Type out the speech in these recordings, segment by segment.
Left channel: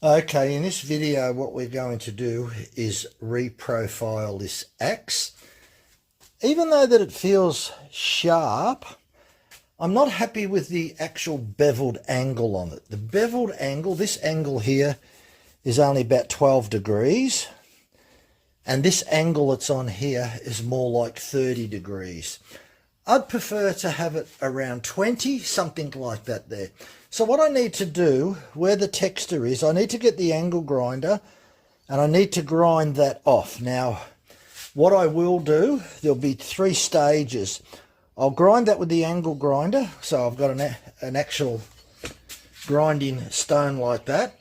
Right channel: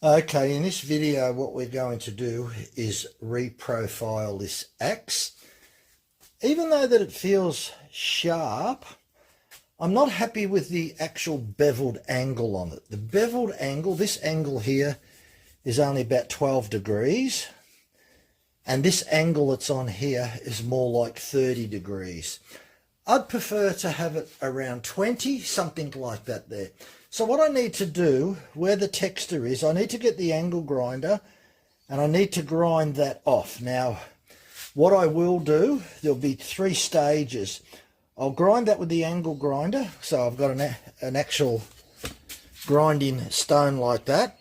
Okay, in this video what we're going to do is reprofile this axe. Even though that it feels sharp, I'm not happy with the actual beveled angle on it. The beveled angle, this angle here, is only about 12 degrees. And this angle that's on here is more like 30 degrees. I'd prefer to have it around 20, something like that there. So what I need to do, where the texture is, I need to get the angle grinder and I need to grind that off. Now, what I will do, there'll be 3 stages. I'll grind that with the angle grinder. So I've got an actual grinding stone like that.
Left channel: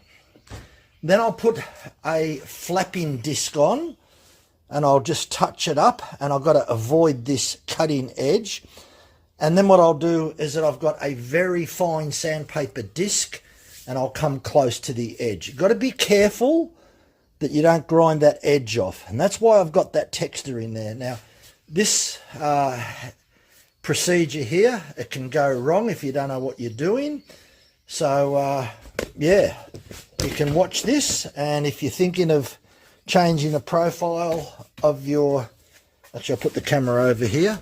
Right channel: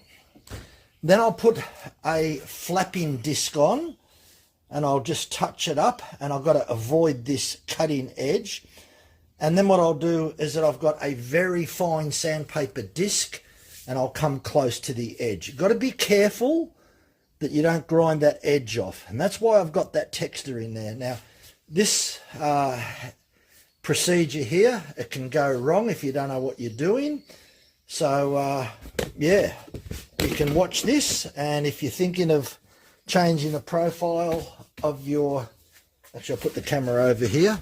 Then I'll put a flapping disc on and I'll just touch it up, and I've got to avoid this cutting edge. And then what I'll do is that I've got a very fine sandpaper disc and I'll come close to the edge. You've got to be careful that you don't grind that edge off, and that's why I've got that texture in there. Now this procedure here, it can go wrong if you don't know what you're doing. So yeah, you can watch this, and if you're thinking of changing the profile of your, actually I'll put the camera over here.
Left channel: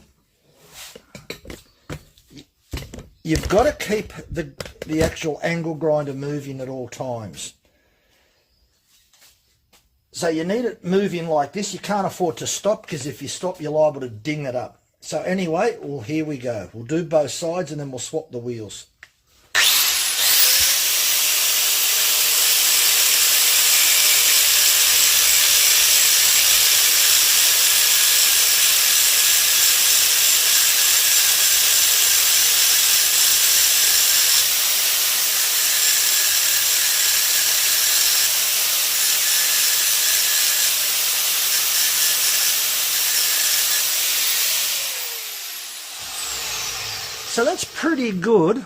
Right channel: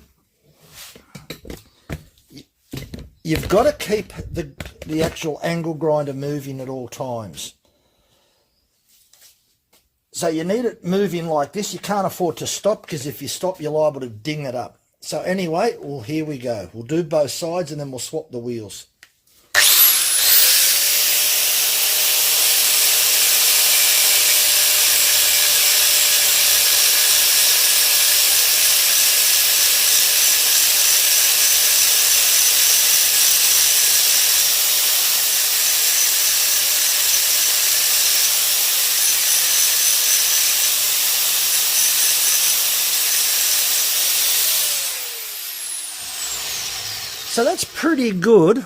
You've got to keep the actual angle grinder moving at all times. So you need it moving like this. You can't afford to stop, because if you stop you're liable to ding it up. So anyway, well, here we go. We'll do both sides and then we'll swap the wheels. So that's pretty good.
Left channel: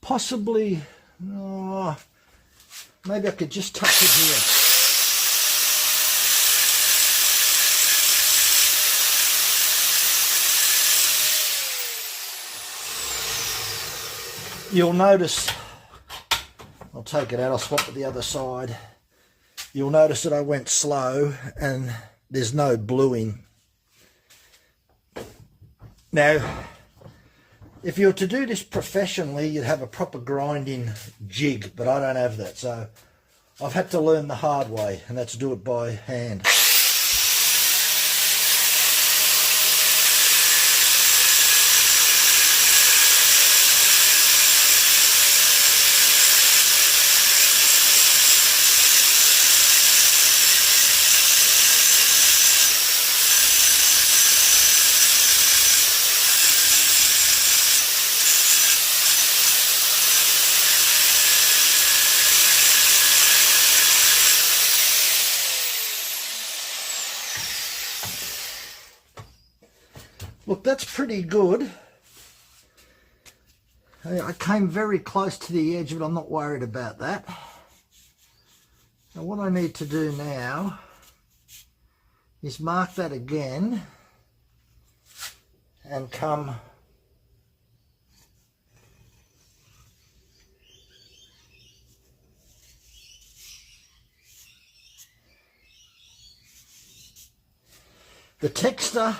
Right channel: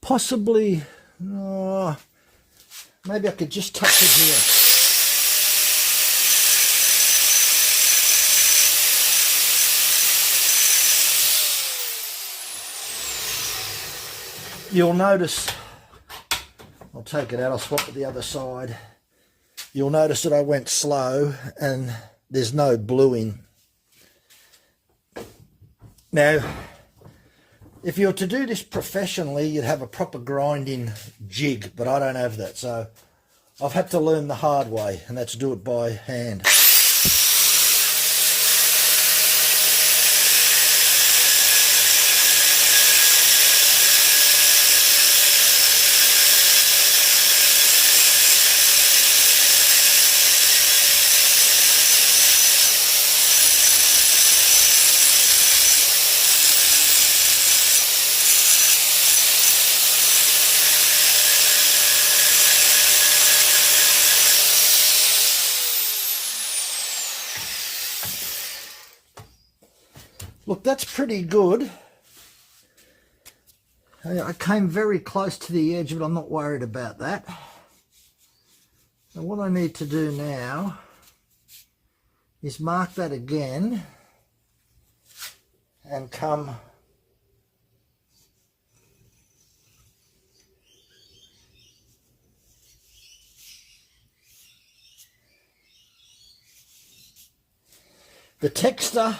Possibly, maybe I could just touch it here. You'll notice, I'll take it out, I'll swap it the other side. You'll notice that I went slow and there's no bluing. Now, if you were to do this professionally, you'd have a proper grinding jig, but I don't have that. So I've had to learn the hard way, and that's do it by hand. Look, that's pretty good. I came very close to the edge, but I'm not worried about that. Now what I need to do now is mark that again and come the texture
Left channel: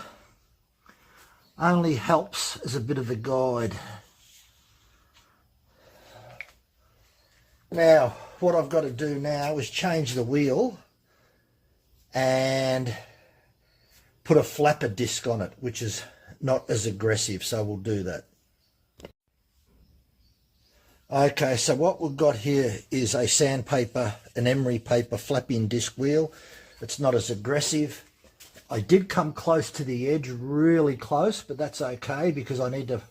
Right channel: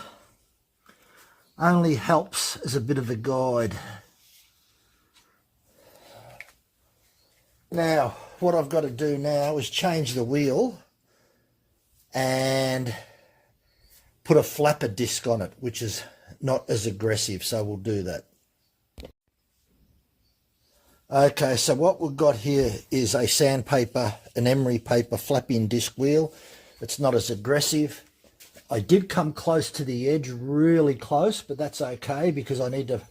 only helps as a bit of a guide. Now, what I've got to do now is change the wheel and put a flapper disc on it, which is not as aggressive, so we'll do that. Okay, so what we've got here is a sandpaper, an emery paper flapping disc wheel. It's not as aggressive. I did come close to the edge, really close, but that's okay because I need to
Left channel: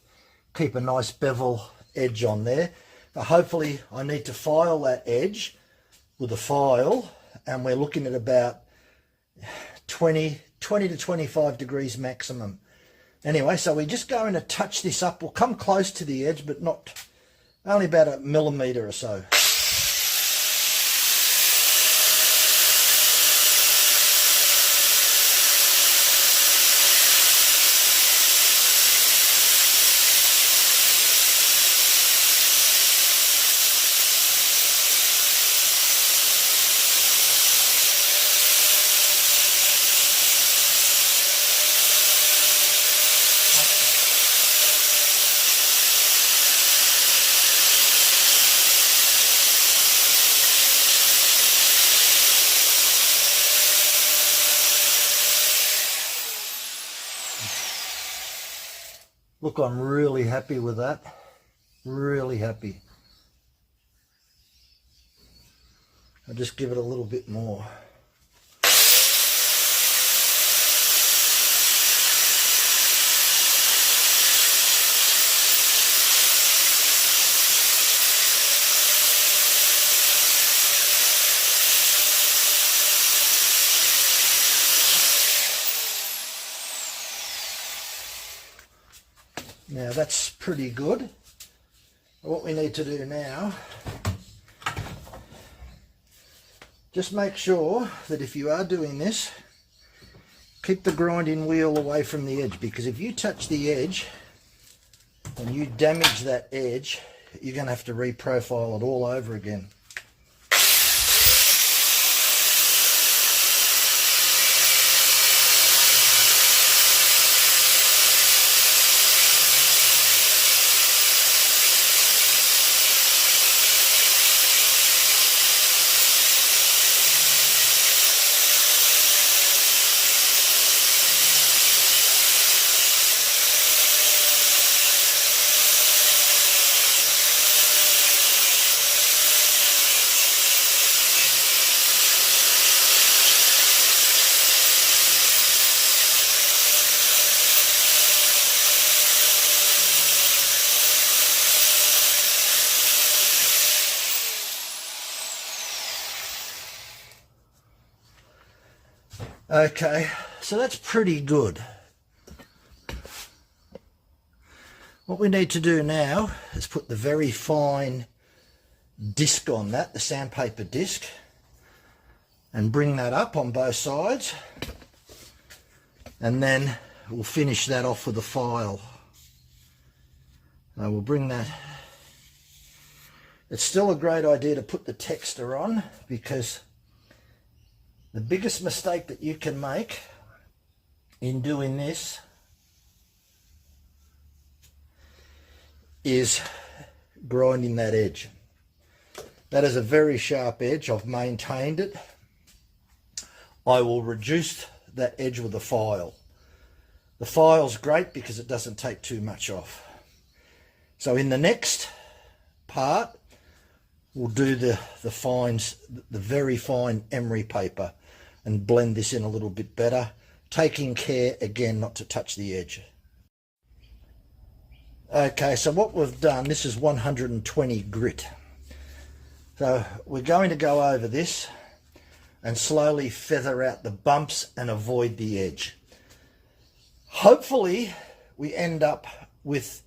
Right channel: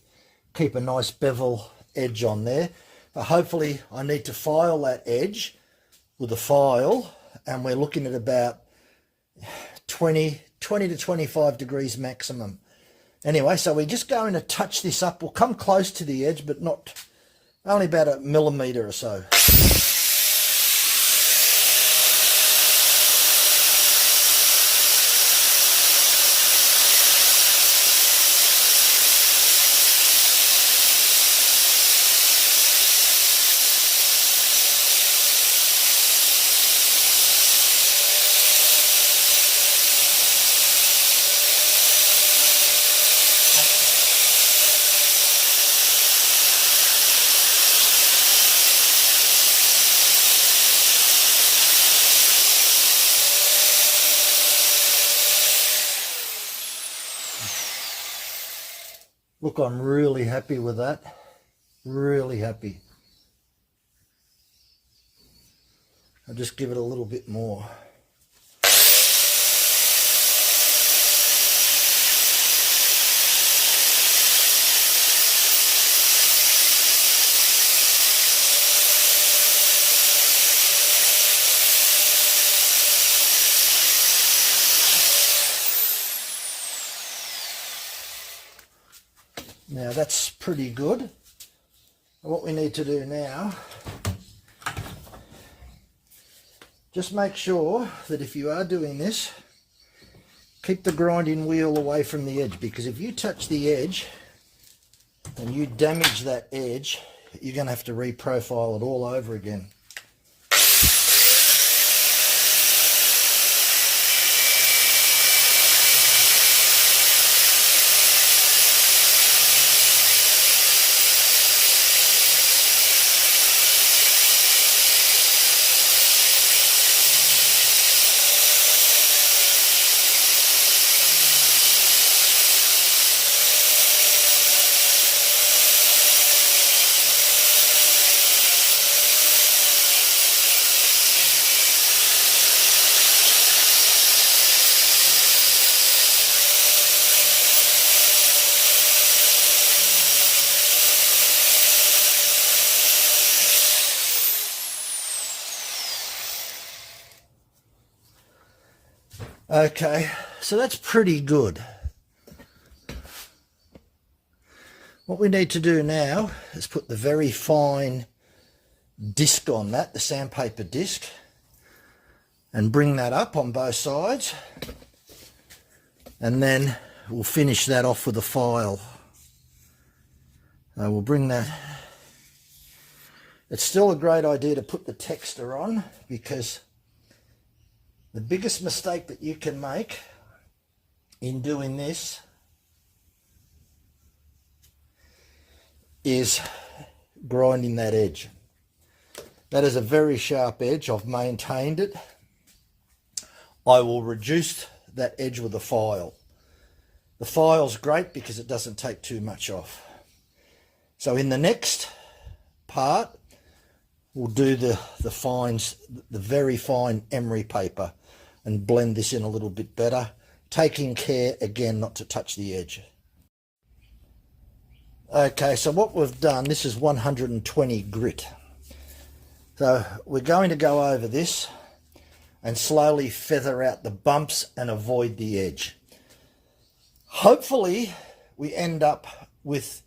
keep a nice bevel edge on there. But hopefully I need to file that edge with a file, and we're looking at about 20 to 25 degrees maximum. Anyway, so we're just going to touch this up. We'll come close to the edge, but not, only about a millimetre or so. Look, I'm really happy with that. Really happy. I'll just give it a little bit more. Now that's pretty good. What we need to do now, just make sure that if you are doing this, keep the grinding wheel away from the edge, because if you touch the edge and you damage that edge, you're going to have to reprofile it all over again. Okay, so that's pretty good. What we need to do now is put the very fine disc on that, the sandpaper disc, and bring that up on both sides, and then we'll finish that off with a file. We'll bring that. It's still a great idea to put the texture on, because the biggest mistake that you can make in doing this is grinding that edge. That is a very sharp edge. I've maintained it. I will reduce that edge with a file. The file's great because it doesn't take too much off. So in the next part, we'll do the fines, the very fine emery paper, and blend this in a little bit better, taking care again not to touch the edge. Okay, so what we've done, this is 120 grit. So we're going to go over this and slowly feather out the bumps and avoid the edge. Hopefully we end up with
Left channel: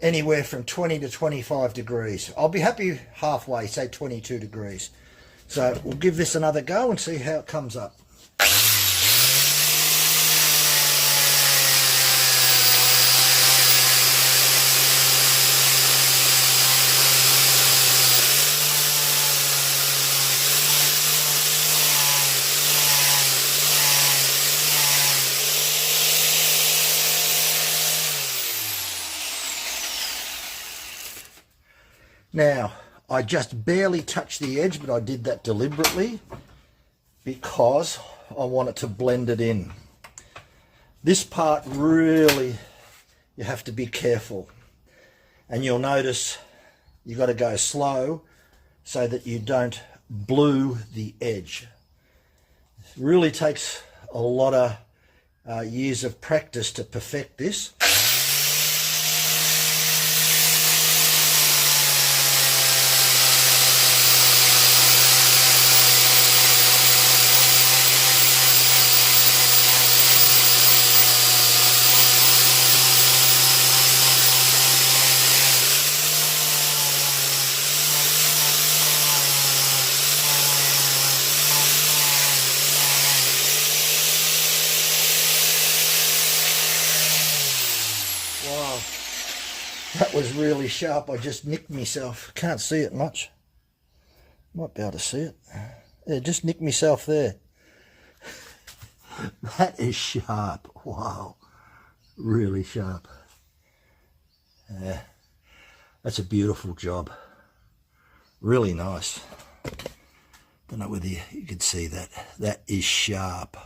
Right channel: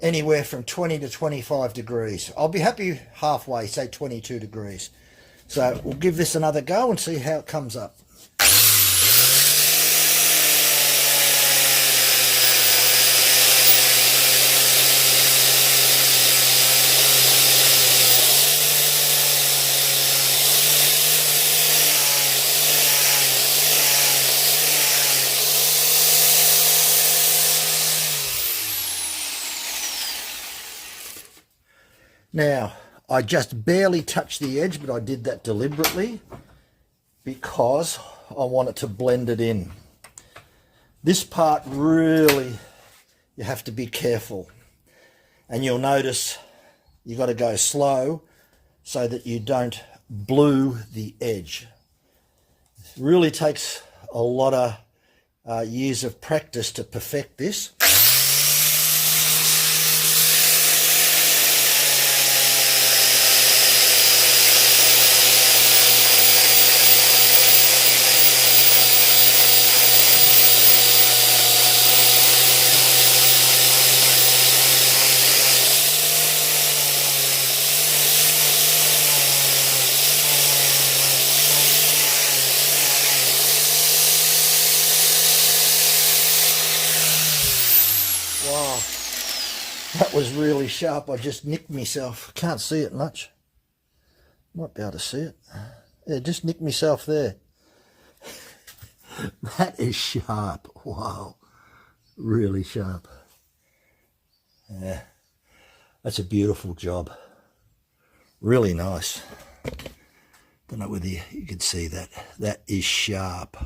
anywhere from 20 to 25 degrees. I'll be happy halfway, say 22 degrees. So we'll give this another go and see how it comes up. Now, I just barely touched the edge, but I did that deliberately because I wanted to blend it in. This part really, you have to be careful. And you'll notice you've got to go slow so that you don't blue the edge. It really takes a lot of years of practice to perfect this. Wow, that was really sharp. I just nicked myself. Can't see it much. Might be able to see it. Yeah, just nicked myself there. That is sharp. Wow, really sharp. Yeah, that's a beautiful job. Really nice. Don't know whether you could see that. That is sharp.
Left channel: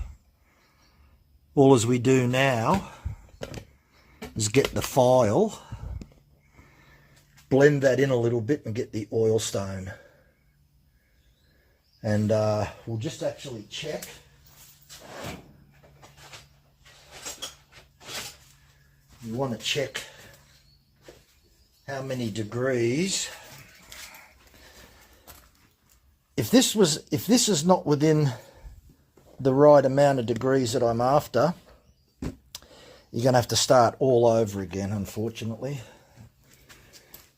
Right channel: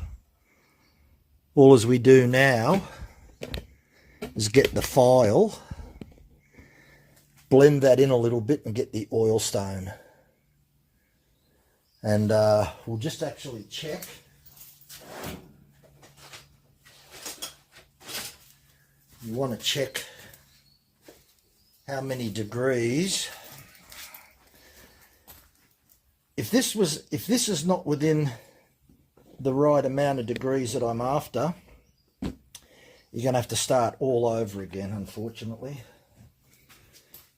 All as we do now is get the file, blend that in a little bit and get the oil stone. And we'll just actually check. You want to check how many degrees. If this is not within the right amount of degrees that I'm after, you're going to have to start all over again, unfortunately.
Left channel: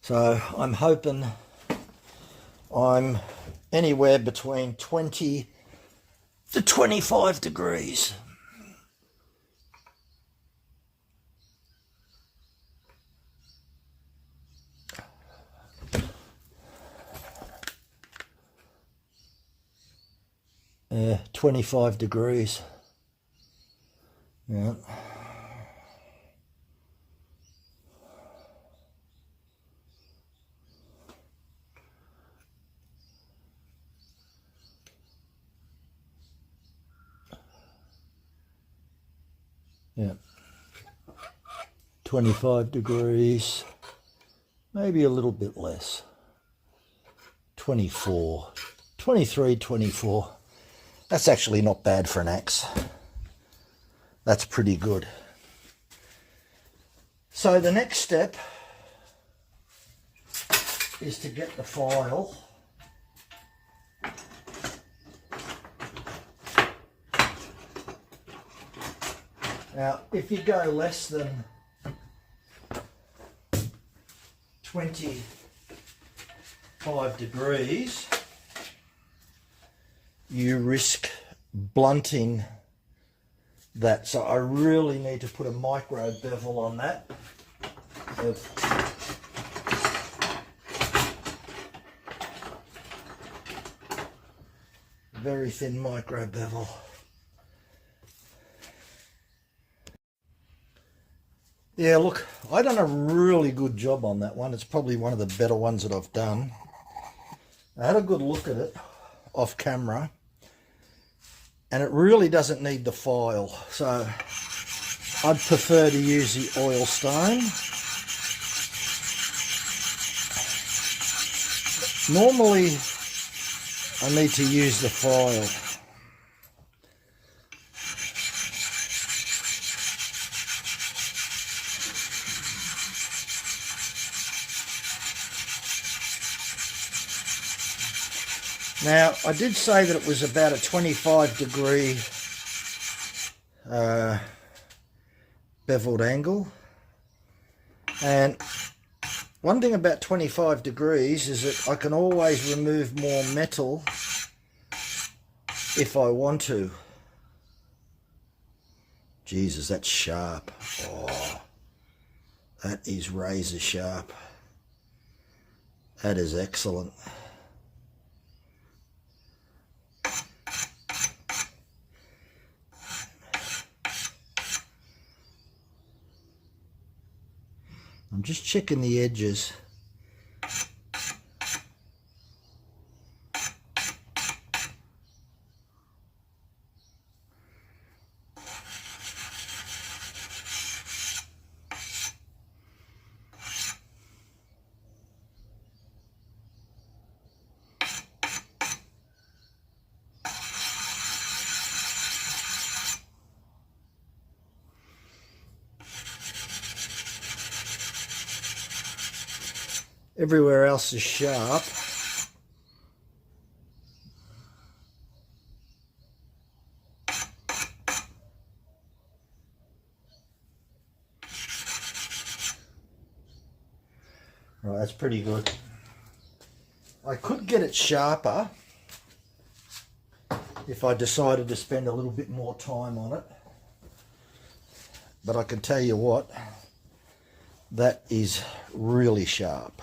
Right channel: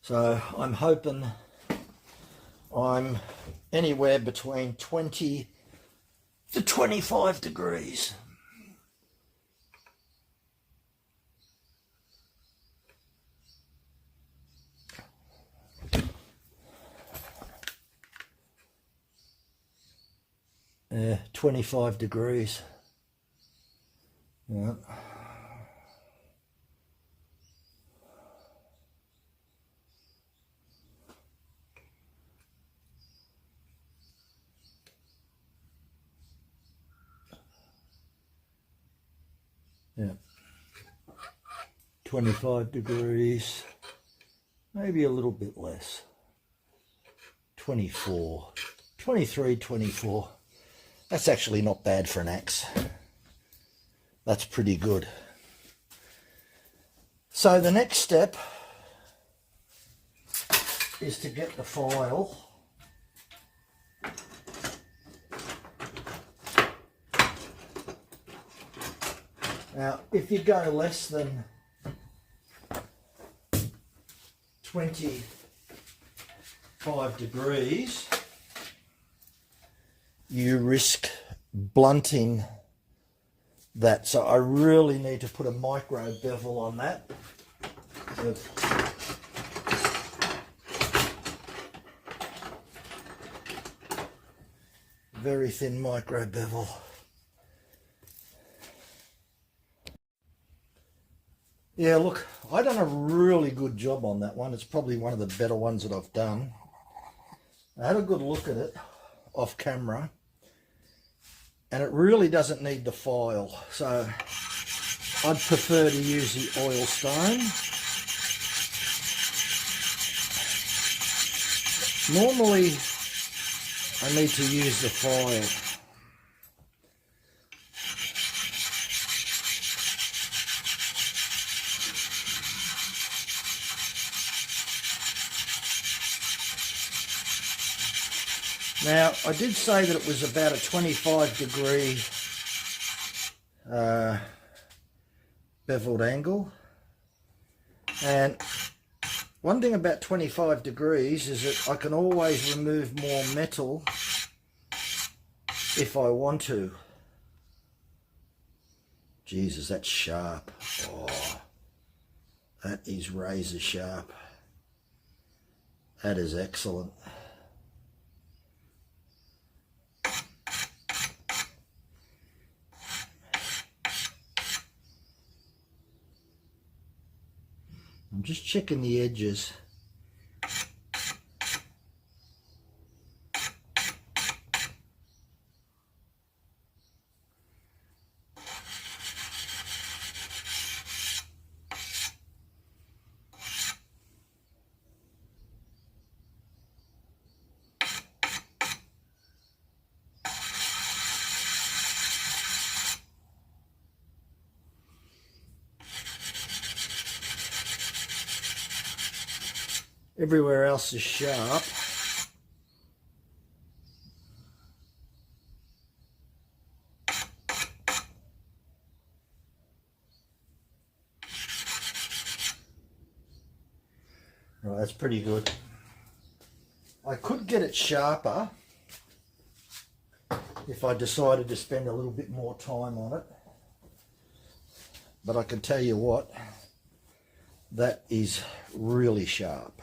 So I'm hoping I'm anywhere between 20 to 25 degrees. Yeah, 25 degrees. Yeah. Yeah. 25 degrees. Maybe a little bit less. 24. 23, 24. That's actually not bad for an axe. That's pretty good. So the next step is to get the file. Now, if you go less than 25 degrees, you risk blunting that. So I really need to put a micro bevel on that. Very thin micro bevel. Yeah, look, I done a really good job on that one. It's probably one of the better ones that I've done. I had a good look at it off camera, and it really doesn't need the file. So I'd prefer to use the oil stone. Normally, I need to use the file. Now, I did say that it was about a 25 degree beveled angle. And one thing about 25 degrees is that I can always remove more metal if I want to. Jesus, that's sharp. Oh, that is razor sharp. That is excellent. I'm just checking the edges. Everywhere else is sharp. Right, that's pretty good. I could get it sharper if I decided to spend a little bit more time on it. But I can tell you what, that is really sharp.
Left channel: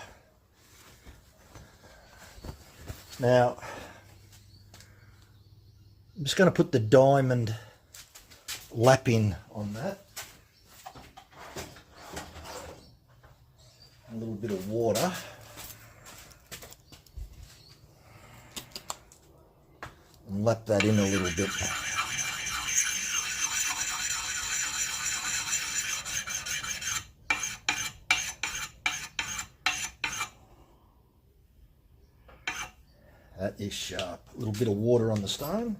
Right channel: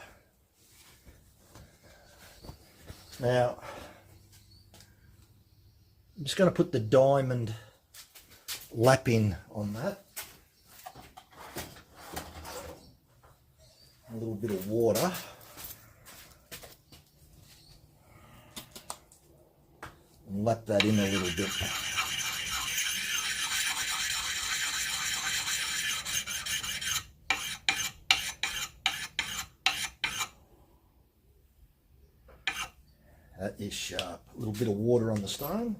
Now, I'm just going to put the diamond lapping on that. A little bit of water. And lap that in a little bit. That is sharp. A little bit of water on the stone.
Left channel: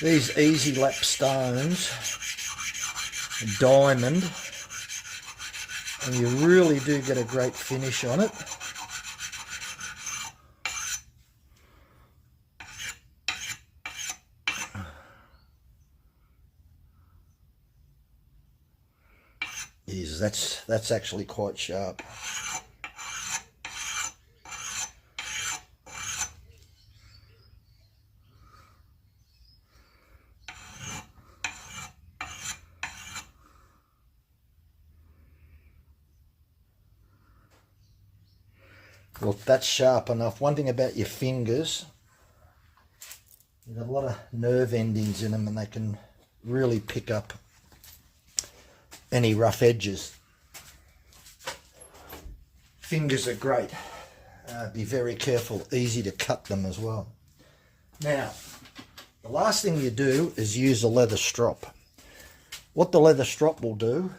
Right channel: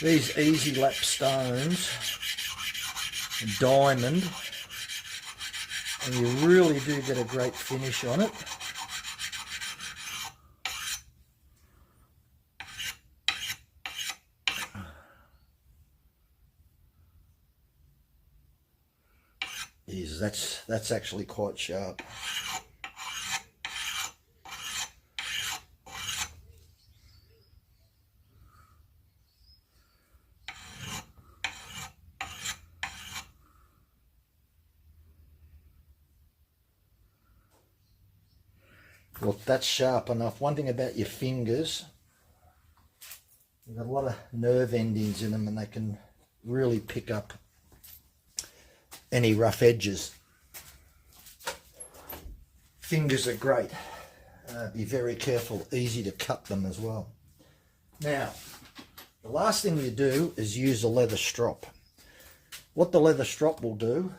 These easy lap stones, diamond, and you really do get a great finish on it. That's actually quite sharp. Look, that's sharp enough. One thing about your fingers, you've got a lot of nerve endings in them and they can really pick up any rough edges. Fingers are great. Be very careful, easy to cut them as well. Now, the last thing you do is use a leather strop. What the leather strop will do,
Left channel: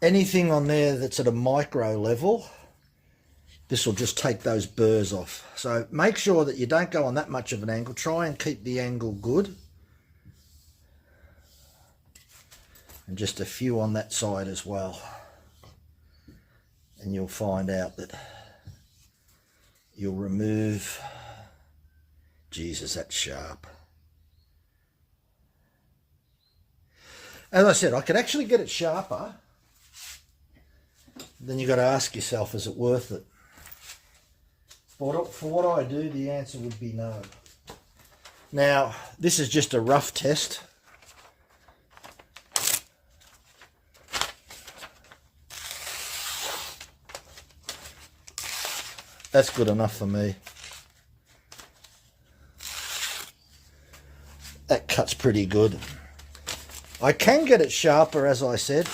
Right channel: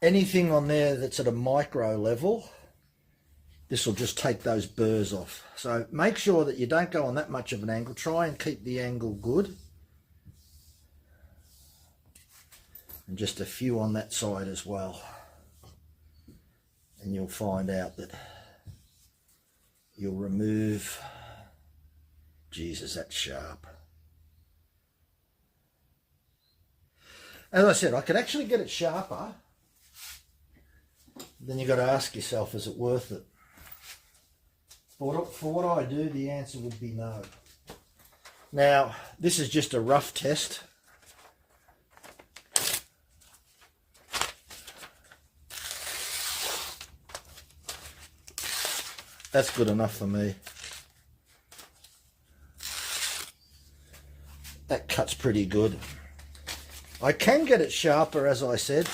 anything on there that's at a micro level, this will just take those burrs off. So make sure that you don't go on that much of an angle. Try and keep the angle good. And just a few on that side as well. And you'll find out that you'll remove, Jesus, that's sharp. As I said, I could actually get it sharper. Then you've got to ask yourself, is it worth it? For what I do, the answer would be no. Now, this is just a rough test. That's good enough for me. That cuts pretty good. I can get it sharper, as I said.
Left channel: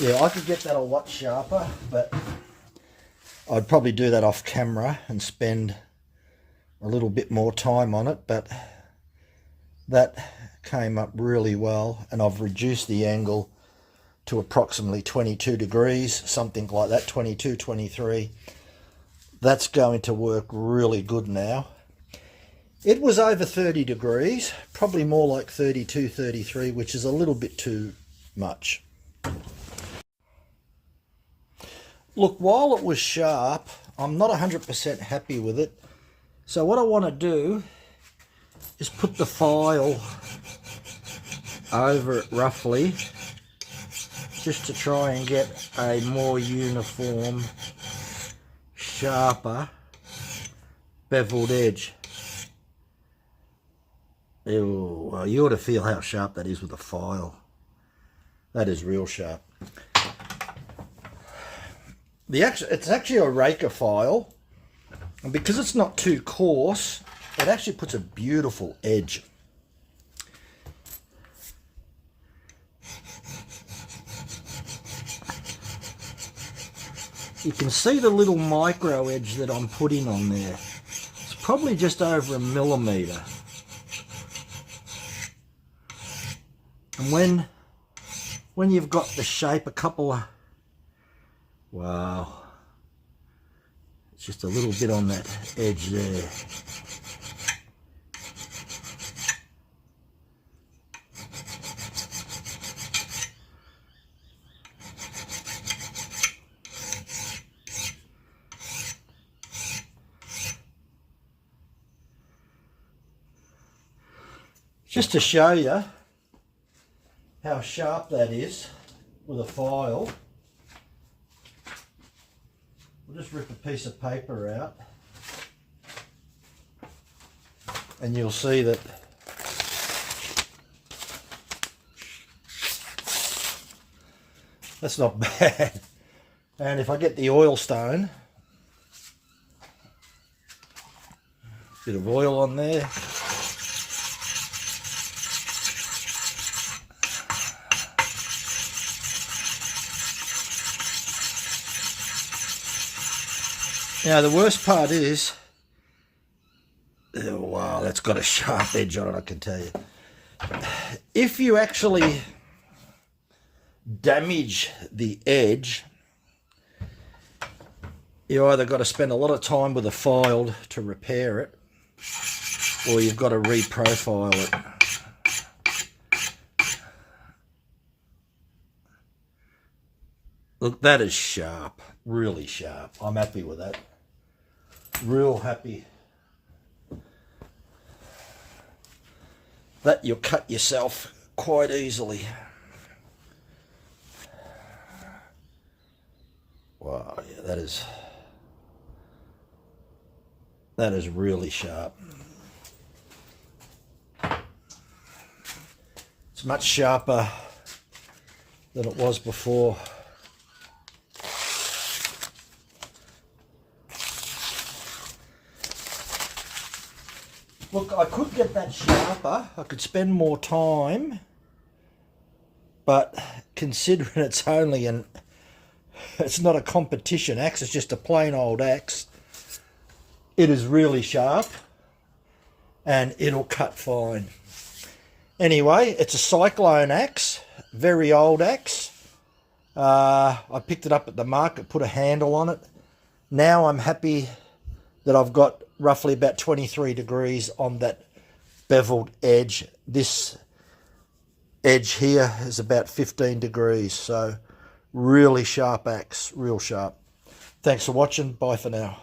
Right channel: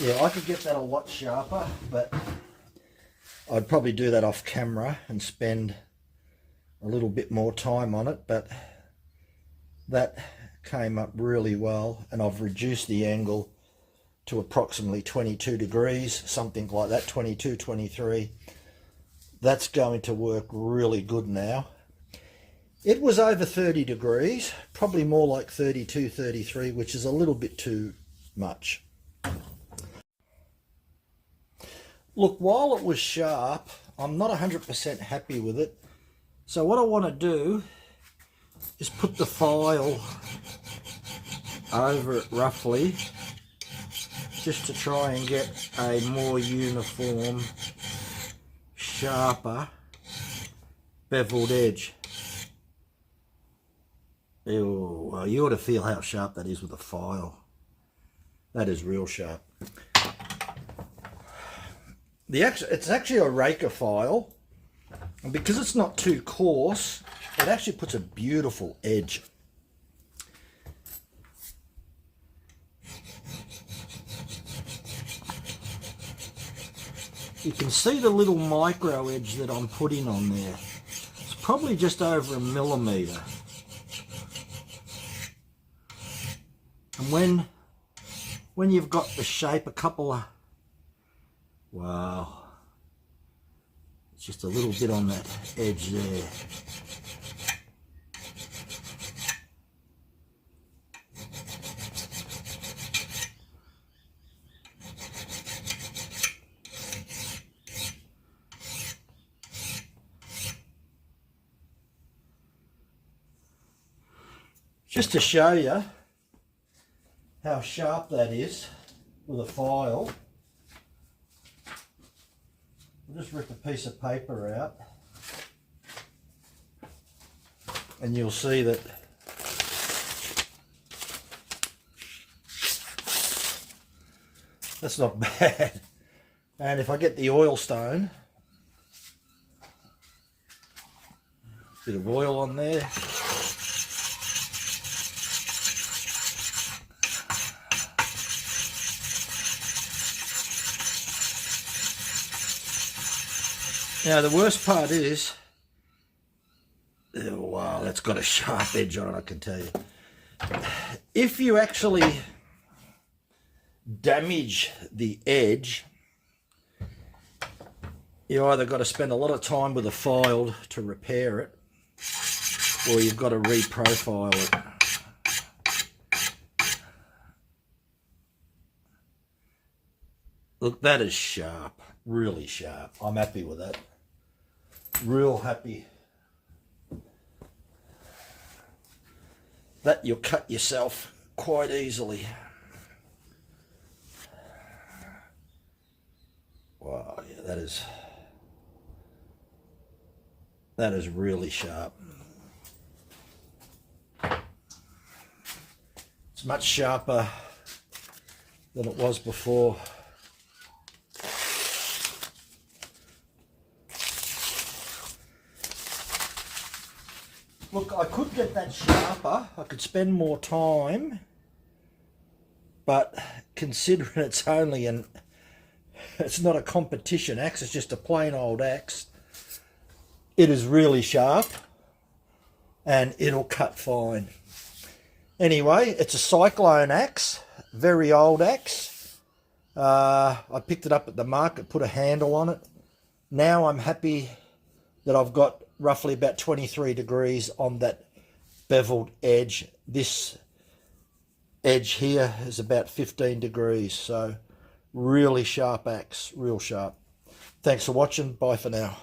Yeah, I could get that a lot sharper, but I'd probably do that off camera and spend a little bit more time on it, but that came up really well, and I've reduced the angle to approximately 22 degrees, something like that, 22, 23. That's going to work really good now. It was over 30 degrees, probably more like 32, 33, which is a little bit too much. Look, while it was sharp, I'm not 100% happy with it. So what I want to do is put the file over it roughly, just to try and get a more uniform, sharper, beveled edge. Ew, well, you ought to feel how sharp that is with a file. That is real sharp. It's actually a raker file, and because it's not too coarse, it actually puts a beautiful edge. You can see the little micro edge that I'm putting on there. It's probably just over 1 millimeter. And when you've got the shape, a couple of, wow, it's just a little bit on that edge there. Just to show you how sharp that is with a file, we'll just rip a piece of paper out and you'll see that that's not bad. And if I get the oil stone, bit of oil on there. Now the worst part is, oh, wow, that's got a sharp edge on it, I can tell you. if you actually damage the edge, you either got to spend a lot of time with a file to repair it, or you've got to reprofile it. Look, that is sharp, really sharp. I'm happy with that. Real happy. That you'll cut yourself quite easily. Wow, yeah, that is really sharp. It's much sharper than it was before. Look, I could get that sharper. I could spend more time, but considering it's only it's not a competition axe, it's just a plain old axe. It is really sharp and it'll cut fine. Anyway, it's a cyclone axe, very old axe. I picked it up at the market, put a handle on it. Now I'm happy that I've got roughly about 23 degrees on that beveled edge. This edge here is about 15 degrees, so really sharp axe, real sharp. Thanks for watching. Bye for now.